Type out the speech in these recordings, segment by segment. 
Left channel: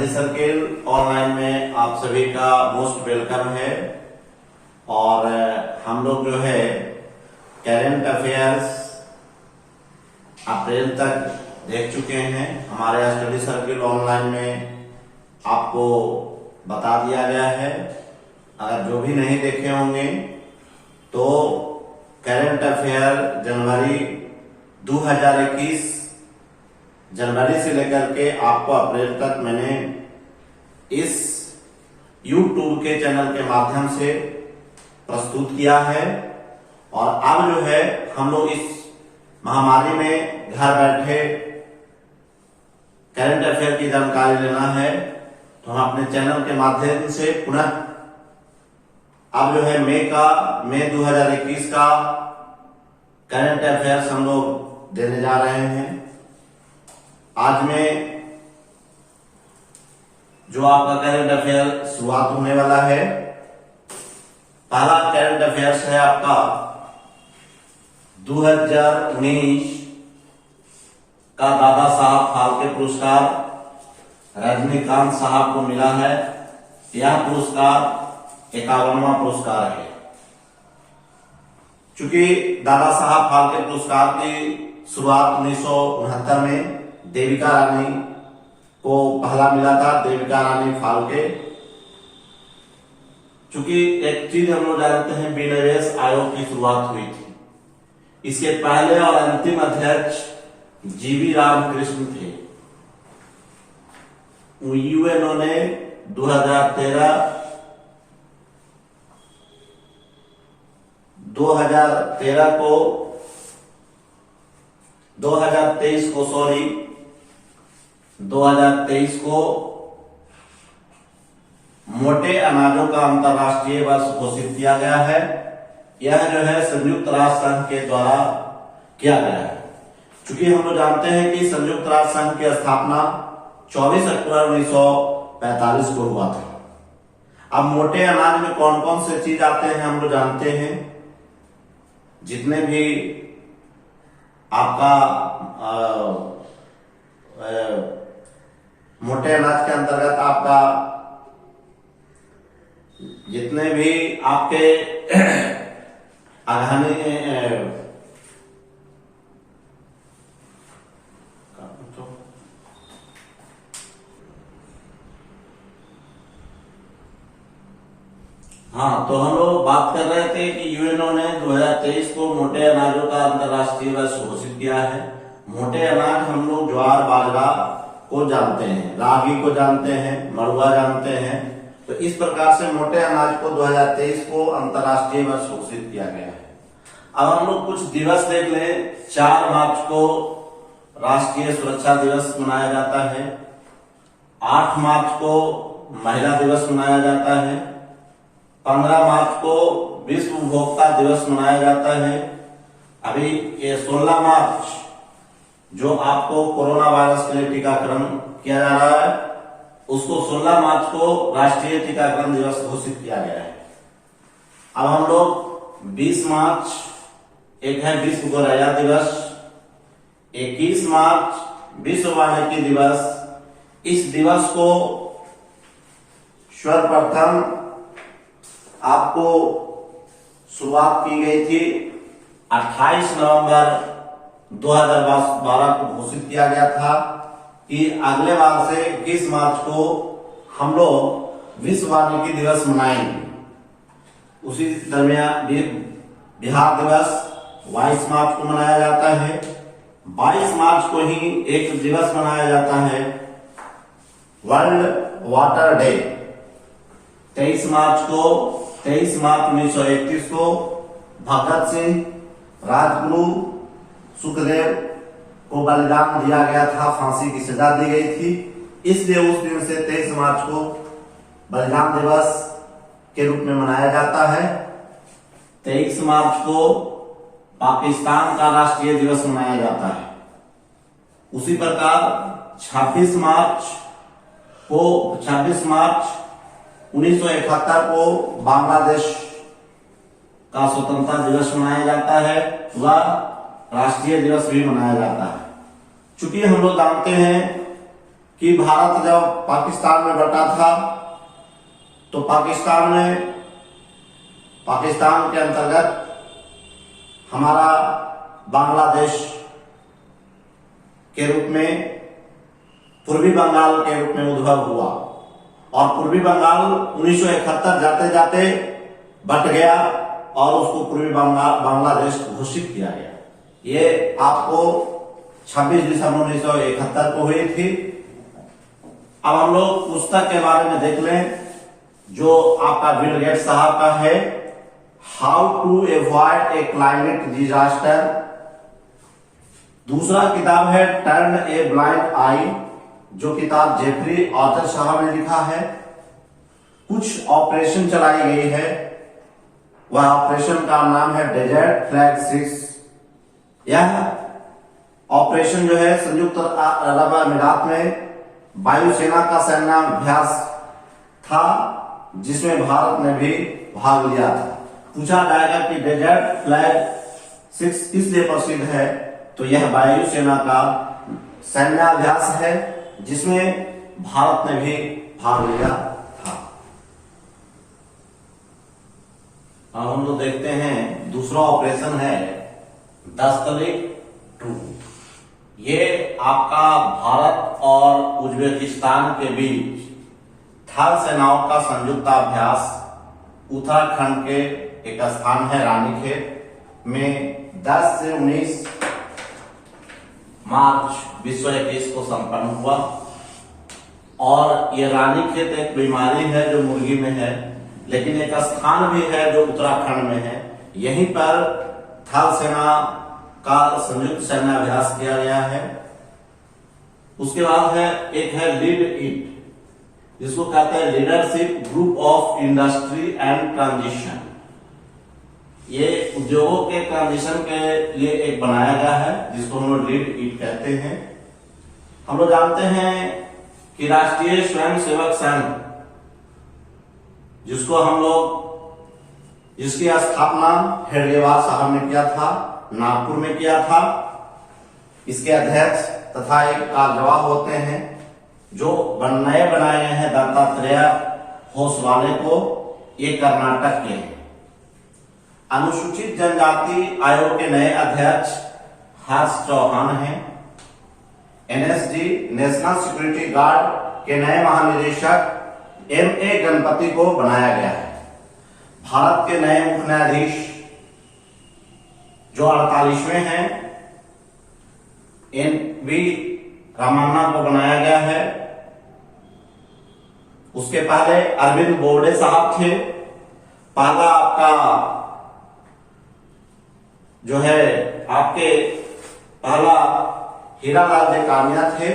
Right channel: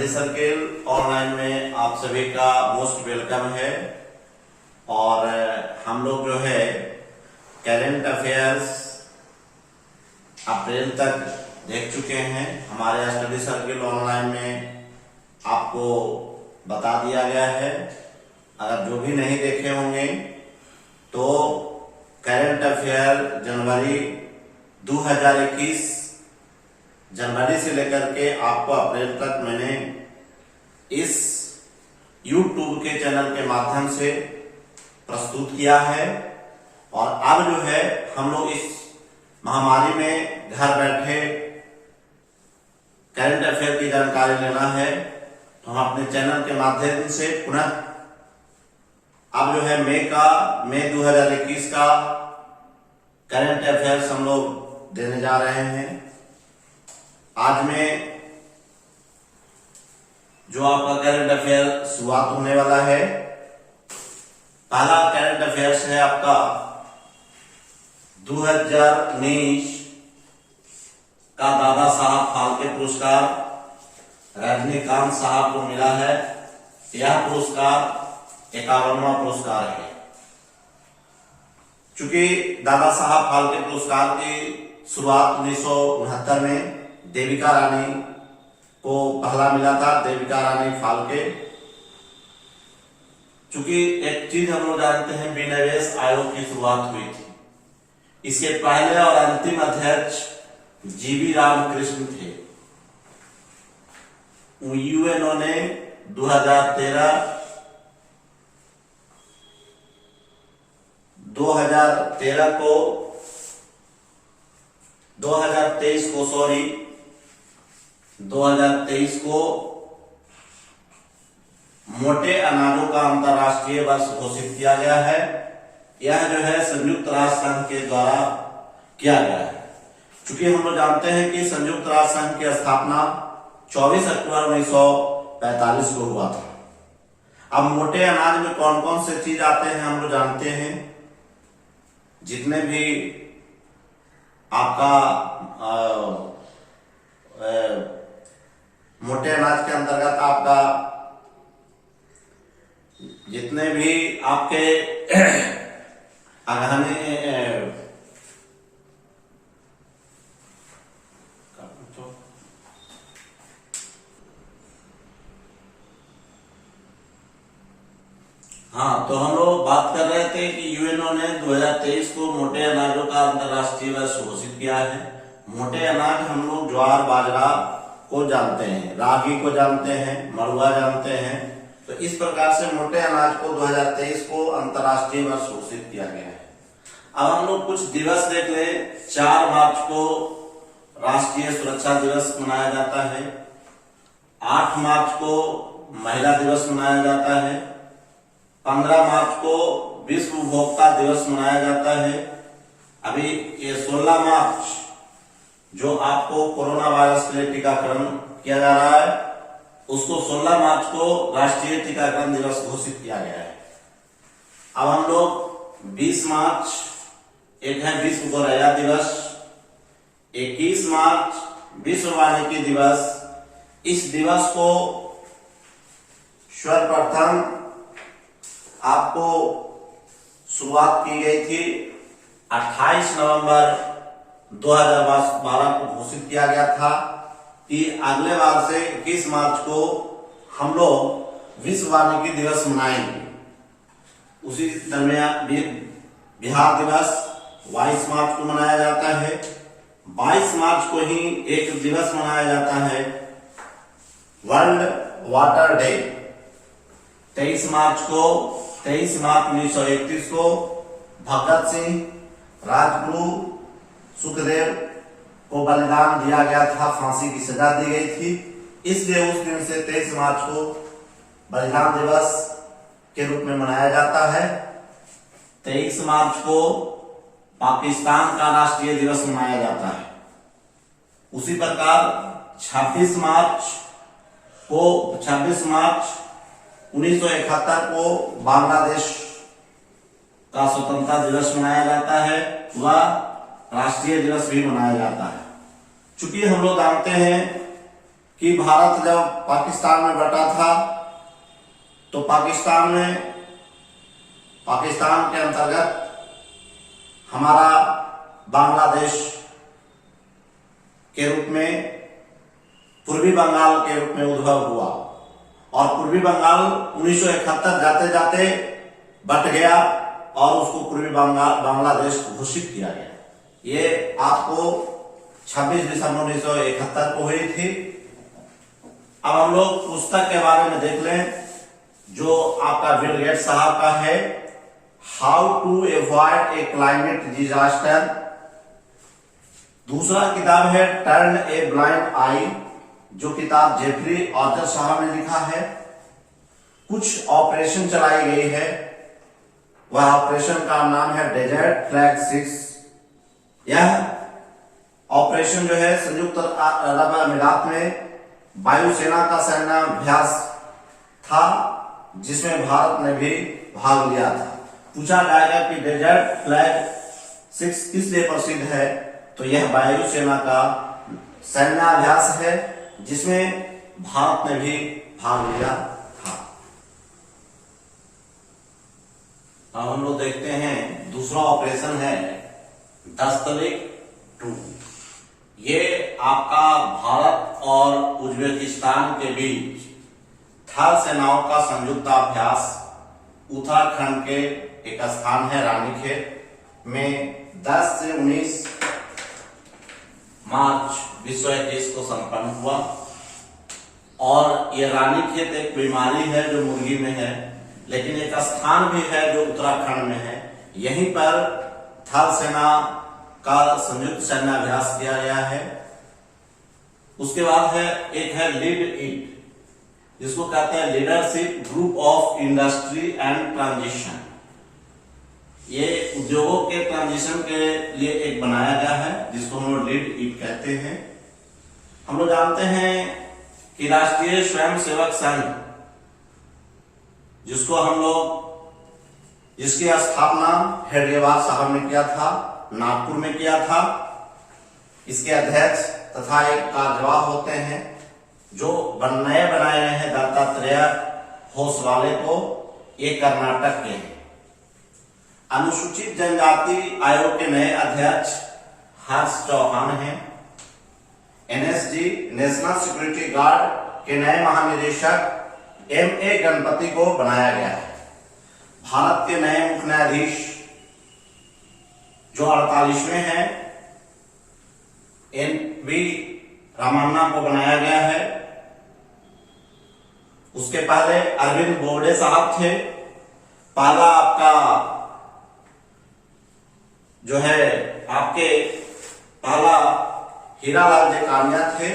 Study circle online में आप सभी का मोस्ट वेलकम है। और हम लोग जो है करेंट अफेयर्स अप्रैल तक देख चुके हैं। हमारे स्टडी सर्किल ऑनलाइन में आपको बता दिया गया है। अगर जो भी नहीं देखे होंगे तो करेंट अफेयर जनवरी 2021 जनवरी से लेकर के आपको अप्रैल तक मैंने इस YouTube के चैनल के माध्यम से प्रस्तुत किया है। और अब जो है हम लोग इस महामारी में घर बैठे करंट अफेयर की जानकारी लेना है, तो हम अपने चैनल के माध्यम से पुनः अब जो है मई 2021 का करंट अफेयर्स हम लोग देने जा रहे हैं। आज में जो आपका करंट अफेयर शुरुआत होने वाला है, पहला करंट अफेयर्स है आपका 2019 का दादा साहब फाल्के पुरस्कार रजनीकांत साहब को मिला है। यह पुरस्कार 51वां पुरस्कार है। चूंकि दादा साहब फाल्के पुरस्कार की शुरुआत 1969 में देविका रानी को पहला मिला था, देविका रानी फाल्के। चूंकि एक चीज हम लोग जानते हैं, विनिवेश आयोग की शुरुआत हुई थी। इसके पहले और अंतिम अध्यक्ष जीवी रामकृष्ण थे। यूएनओ ने 2023 को मोटे अनाजों का अंतर्राष्ट्रीय वर्ष घोषित किया गया है। यह जो है संयुक्त राष्ट्र संघ के द्वारा किया गया है। चूंकि हम लोग जानते हैं कि संयुक्त राष्ट्र संघ की स्थापना 24 अक्टूबर 1945 को हुआ था। अब मोटे अनाज में कौन कौन से चीज आते हैं हम लोग जानते हैं। जितने भी आपका मोटे अनाज के अंतर्गत आपका जितने भी आपके अगहनी हाँ, तो हम लोग बात कर रहे थे कि यूएनओ ने 2023 को मोटे अनाजों का अंतर्राष्ट्रीय वर्ष घोषित किया है। मोटे अनाज हम लोग ज्वार बाजरा को जानते हैं, रागी को जानते हैं, मड़ुआ जानते हैं। तो इस प्रकार से मोटे अनाज को 2023 को अंतर्राष्ट्रीय वर्ष घोषित किया गया है। अब हम लोग कुछ दिवस देख ले। 4 मार्च को राष्ट्रीय सुरक्षा दिवस मनाया जाता है। 8 मार्च को महिला दिवस मनाया जाता है। 15 मार्च को विश्व उपभोक्ता दिवस मनाया जाता है। अभी ये 16 मार्च जो आपको कोरोना वायरस के लिए टीकाकरण किया जा रहा है, उसको 16 मार्च को राष्ट्रीय टीकाकरण दिवस घोषित किया गया है। अब हम लोग 20 मार्च एक है विश्व गौरैया दिवस, 21 मार्च विश्व वानिकी दिवस। इस दिवस को सर्वप्रथम आपको शुरुआत की गई थी 28 नवंबर 2012 को घोषित किया गया था कि अगले बार से 21 मार्च को हम लोग विश्व वानिकी दिवस मनाएंगे। उसी दरमियान बिहार दिवस 22 मार्च को मनाया जाता है। 22 मार्च को ही एक दिवस मनाया जाता है, वर्ल्ड वाटर डे। 23 मार्च 1931 को भगत सिंह, राजगुरु सुखदेव को बलिदान दिया गया था, फांसी की सजा दी गई थी। इसलिए उस दिन से 23 मार्च को बलिदान दिवस के रूप में मनाया जाता है। 23 मार्च को पाकिस्तान का राष्ट्रीय दिवस मनाया जाता है। उसी प्रकार 26 मार्च 1971 को बांग्लादेश का स्वतंत्रता दिवस मनाया जाता है। वह राष्ट्रीय दिवस भी मनाया जाता है। चूंकि हम लोग जानते हैं कि भारत जब पाकिस्तान में बटा था तो पाकिस्तान के अंतर्गत हमारा बांग्लादेश के रूप में पूर्वी बंगाल के रूप में उद्भव हुआ और पूर्वी बंगाल 1971 जाते जाते बट गया और उसको पूर्वी बांग्लादेश घोषित किया गया। ये आपको 26 दिसंबर 1971 को हुई थी। अब हम लोग पुस्तक के बारे में देख लें जो आपका बिल गेट्स साहब का है, how to avoid a climate disaster. दूसरा किताब है टर्न ए ब्लाइंड आई, जो किताब जेफरी ऑथर साहब ने लिखा है। कुछ ऑपरेशन चलाई गई है, वह ऑपरेशन का नाम है डेजर्ट फ्लैग 6। यह ऑपरेशन जो है संयुक्त अरब अमीरात में वायुसेना का सैन्याभ्यास था जिसमें भारत ने भी भाग लिया था। पूछा जाएगा कि डेजर्ट फ्लैग 6 किस लिए प्रसिद्ध है, तो यह वायुसेना का सैन्याभ्यास है जिसमें भारत ने भी भाग लिया था। अब हम लोग देखते हैं दूसरा ऑपरेशन है दस्तलिक 2। ये आपका भारत और उज्बेकिस्तान के बीच थल सेनाओं का संयुक्त अभ्यास उत्तराखंड के एक स्थान है रानीखेत में 10 से 19 मार्च 2021 को संपन्न हुआ। और ये रानीखेत एक बीमारी है जो मुर्गी में है, लेकिन एक स्थान भी है जो उत्तराखंड में है। यहीं पर थल सेना का संयुक्त सैन्याभ्यास किया गया है। उसके बाद है एक है लीड इट, जिसको कहते हैं leadership group of industry and transition. ये उद्योगों के ट्रांजिशन के लिए एक बनाया गया है जिसको हम लोग लीड इट कहते हैं। हम लोग जानते हैं कि राष्ट्रीय स्वयंसेवक संघ, जिसको हम लोग जिसकी स्थापना हेडगेवार साहब ने किया था, नागपुर में किया था। इसके अध्यक्ष तथा एक कार्यवाह होते हैं जो नए बनाए गए हैं दत्तात्रेय होसवाले को, ये कर्नाटक के हैं। अनुसूचित जनजाति आयोग के नए अध्यक्ष हर्ष चौहान हैं। एनएसजी नेशनल सिक्योरिटी गार्ड के नए महानिदेशक एमए गणपति को बनाया गया है। भारत के नए मुख्य न्यायाधीश जो 48वें हैं एनवी रामन्ना को बनाया गया है। उसके पहले अरविंद बोबडे साहब थे। पहला आपका जो है आपके पहला हीरालाल जेकानिया थे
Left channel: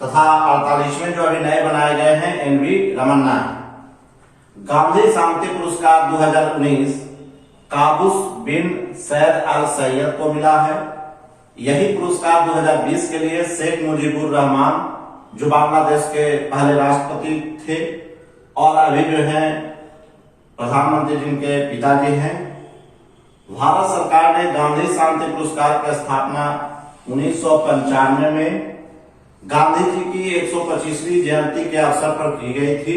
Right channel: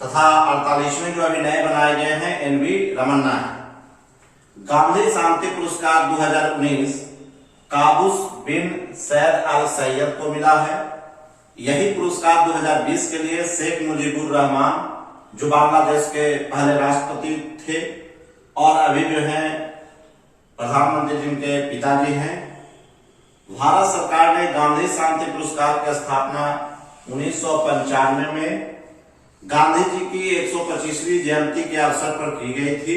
तथा 48वें जो अभी नए बनाए गए हैं एनवी रमन्ना है। गांधी शांति पुरस्कार 2019 काबूस बिन सैद अल सैयद को मिला है। यही पुरस्कार 2020 के लिए शेख मुजीबुर रहमान, जो बांग्लादेश के पहले राष्ट्रपति थे और अभी जो है प्रधानमंत्री जिनके पिताजी हैं। भारत सरकार ने गांधी शांति पुरस्कार की स्थापना 1995 में गांधी जी की 125वीं जयंती के अवसर पर की गई थी।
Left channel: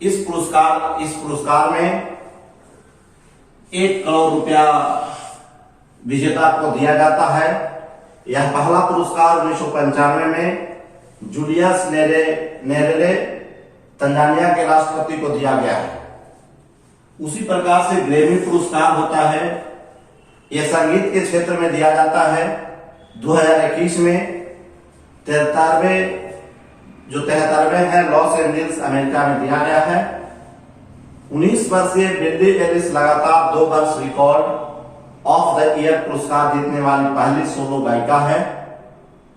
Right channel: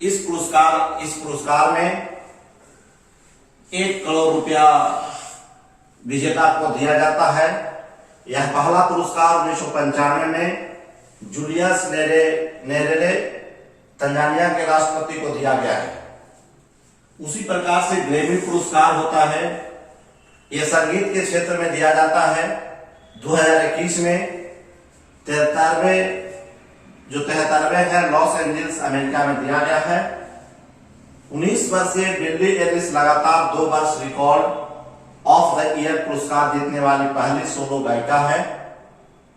इस पुरस्कार में 1 करोड़ रुपया विजेता को दिया जाता है। यह पहला पुरस्कार 1995 में जूलियस नेरेरे तंजानिया के राष्ट्रपति को दिया गया है। उसी प्रकार से ग्रैमी पुरस्कार होता है, यह संगीत के क्षेत्र में दिया जाता है। 2021 में 73वें है लॉस एंजल्स अमेरिका में दिया गया है। 19 वर्षीय बिल्ली एलिस लगातार 2 वर्ष रिकॉर्ड ऑफ द ईयर पुरस्कार जीतने वाली पहली सोलो गायिका है।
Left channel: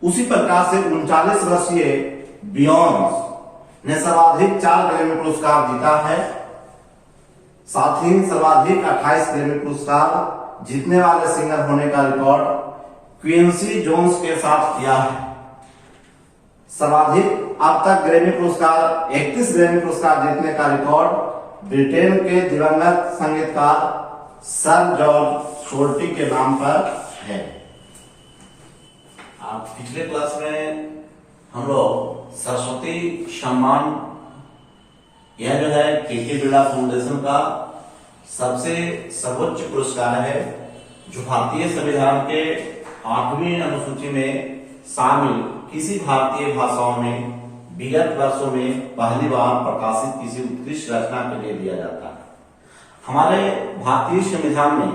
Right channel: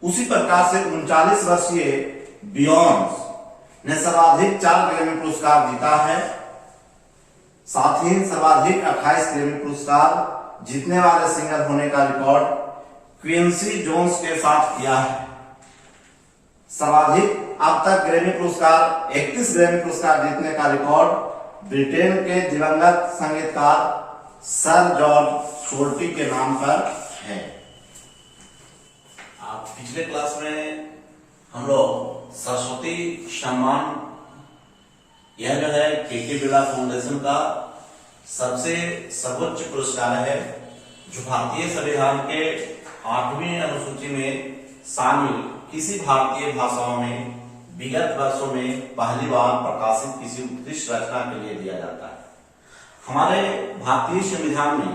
उसी प्रकार से 39 वर्षीय बियॉन्स ने सर्वाधिक 4 ग्रैमी पुरस्कार जीता है। साथ ही सर्वाधिक 28 ग्रैमी पुरस्कार जीतने वाले सिंगर होने का रिकॉर्ड क्विंसी जोन्स के साथ किया है। सर्वाधिक अब तक ग्रैमी पुरस्कार 31 ग्रैमी पुरस्कार जीतने का रिकॉर्ड ब्रिटेन के दिवंगत संगीतकार सर जॉर्ज शोल्टी के नाम पर है। अब पिछले क्लास में हम लोग सरस्वती सम्मान, यह जो है के बिरला फाउंडेशन का सबसे सर्वोच्च पुरस्कार है, जो भारतीय संविधान के 8वीं अनुसूची में शामिल किसी भारतीय भाषाओं में विगत वर्षों में पहली बार प्रकाशित किसी उत्कृष्ट रचना के लिए दिया जाता है। हमारे भारतीय संविधान में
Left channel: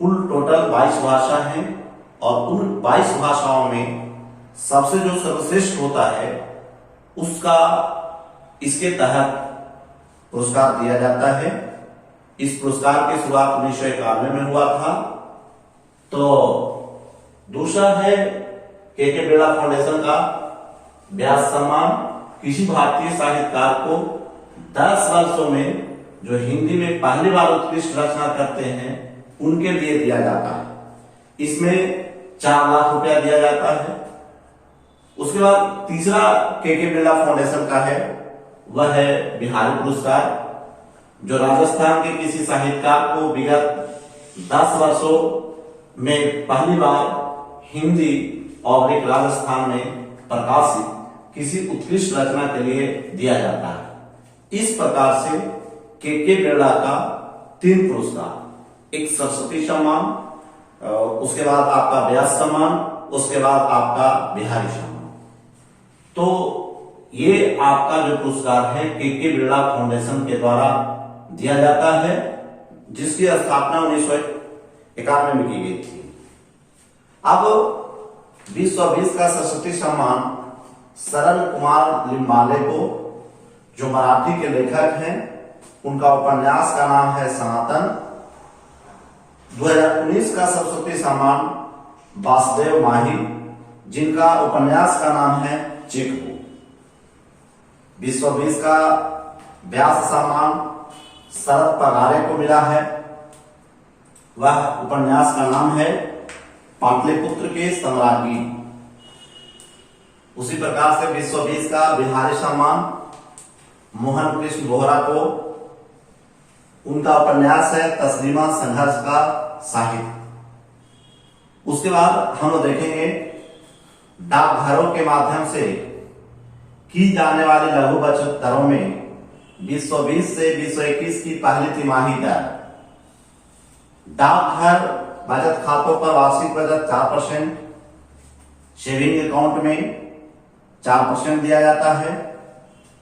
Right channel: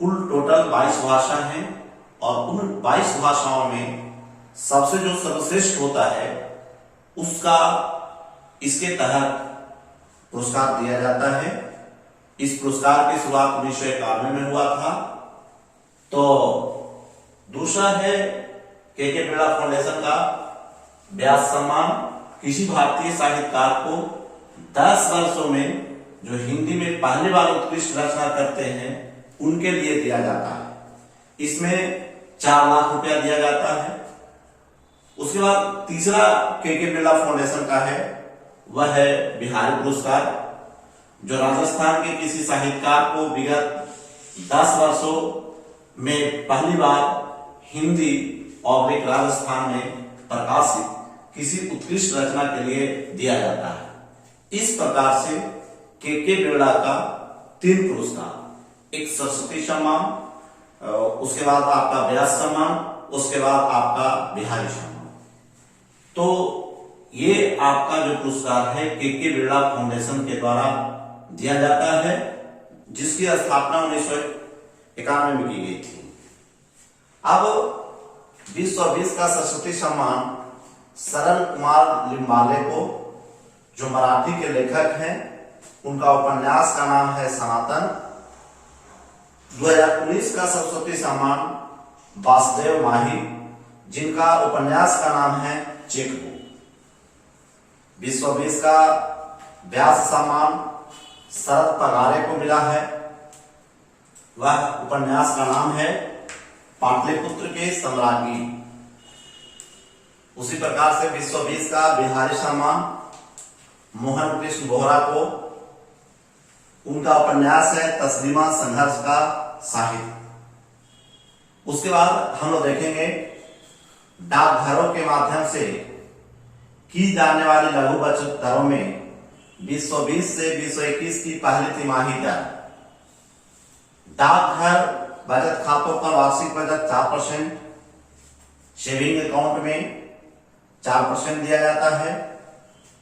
कुल टोटल 22 भाषा हैं और उन 22 भाषाओं में सबसे जो सर्वश्रेष्ठ होता है उसका इसके तहत पुरस्कार दिया जाता है। इस पुरस्कार की शुरुआत 1991 में हुआ था। तो दूसरा है के बिरला फाउंडेशन का व्यास सम्मान, किसी भारतीय साहित्यकार को 10 वर्षों में जो हिंदी में पहली बार उत्कृष्ट रचना करते हैं उनके लिए दिया जाता है। इसमें 4 लाख रुपया दिया जाता है। उसके बाद तीसरा के बिरला फाउंडेशन का है, वह है बिहारी पुरस्कार, जो राजस्थान के किसी साहित्यकार को विगत 10 वर्षों में पहली बार हिंदी और राजस्थान में प्रकाशित किसी उत्कृष्ट रचना के लिए दिया जाता है। इस प्रकार से के बिरला का 3 पुरस्कार, एक सरस्वती सम्मान, उसके बाद आपका व्यास सम्मान, उसके बाद आपका बिहारी सम्मान। तो ये आपका जो पुरस्कार है के बिरला फाउंडेशन के द्वारा दिया जाता है, जिसकी स्थापना 1991 में की गई थी। अब 2020 का सरस्वती सम्मान शरण कुमार लिम्बाले को, जो मराठी के लेखक हैं, उनका उपन्यास का नाम है सनातन। 2019 का सरस्वती सम्मान वासुदेव माही, जिनका उपन्यास का नाम है चेकबुक। 2020 का व्यास सम्मान शरद पगारे को मिला है, वह उपन्यास का नाम है पाटलिपुत्र के सम्राज्ञी। उसी प्रकार से 2020 का बिहारी सम्मान मोहन कृष्ण बोहरा को, उनका उपन्यास है तस्लीमा संघर्ष का साहित्य। उसके बाद हम लोग देखेंगे डाकघरों के माध्यम से की जाने वाली लघु बचत दरों में 2020 से 2021 की पहली तिमाही दर। डाकघर बचत खातों पर वार्षिक बचत 4%, सेविंग अकाउंट में 4% दिया जाता है।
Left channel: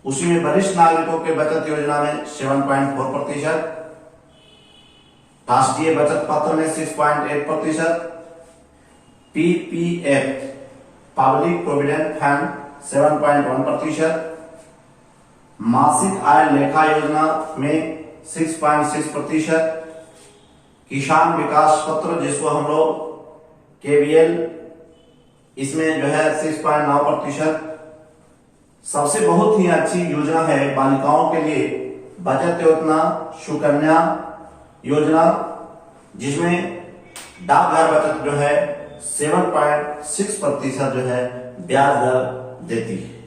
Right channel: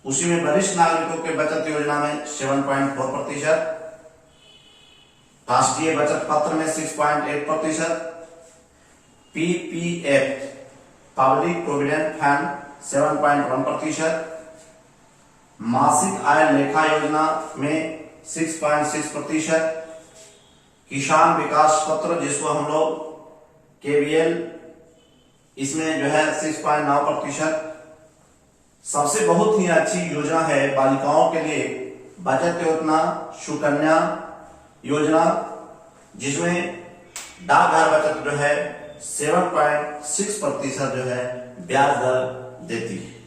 उसी में वरिष्ठ नागरिकों के बचत योजना में 7.4%, राष्ट्रीय बचत पत्र में 6.8%, पीपीएफ पब्लिक प्रोविडेंट फंड 7.1%, मासिक आय लेखा योजना में 6.6%, किसान विकास पत्र जिसको हम लोग केवीएल, इसमें जो है 6.9%। सबसे बहुत ही अच्छी योजना है बालिकाओं के लिए बचत योजना सुकन्या योजना, जिसमें डाकघर बचत जो है 7.6% जो है ब्याज दर देती है।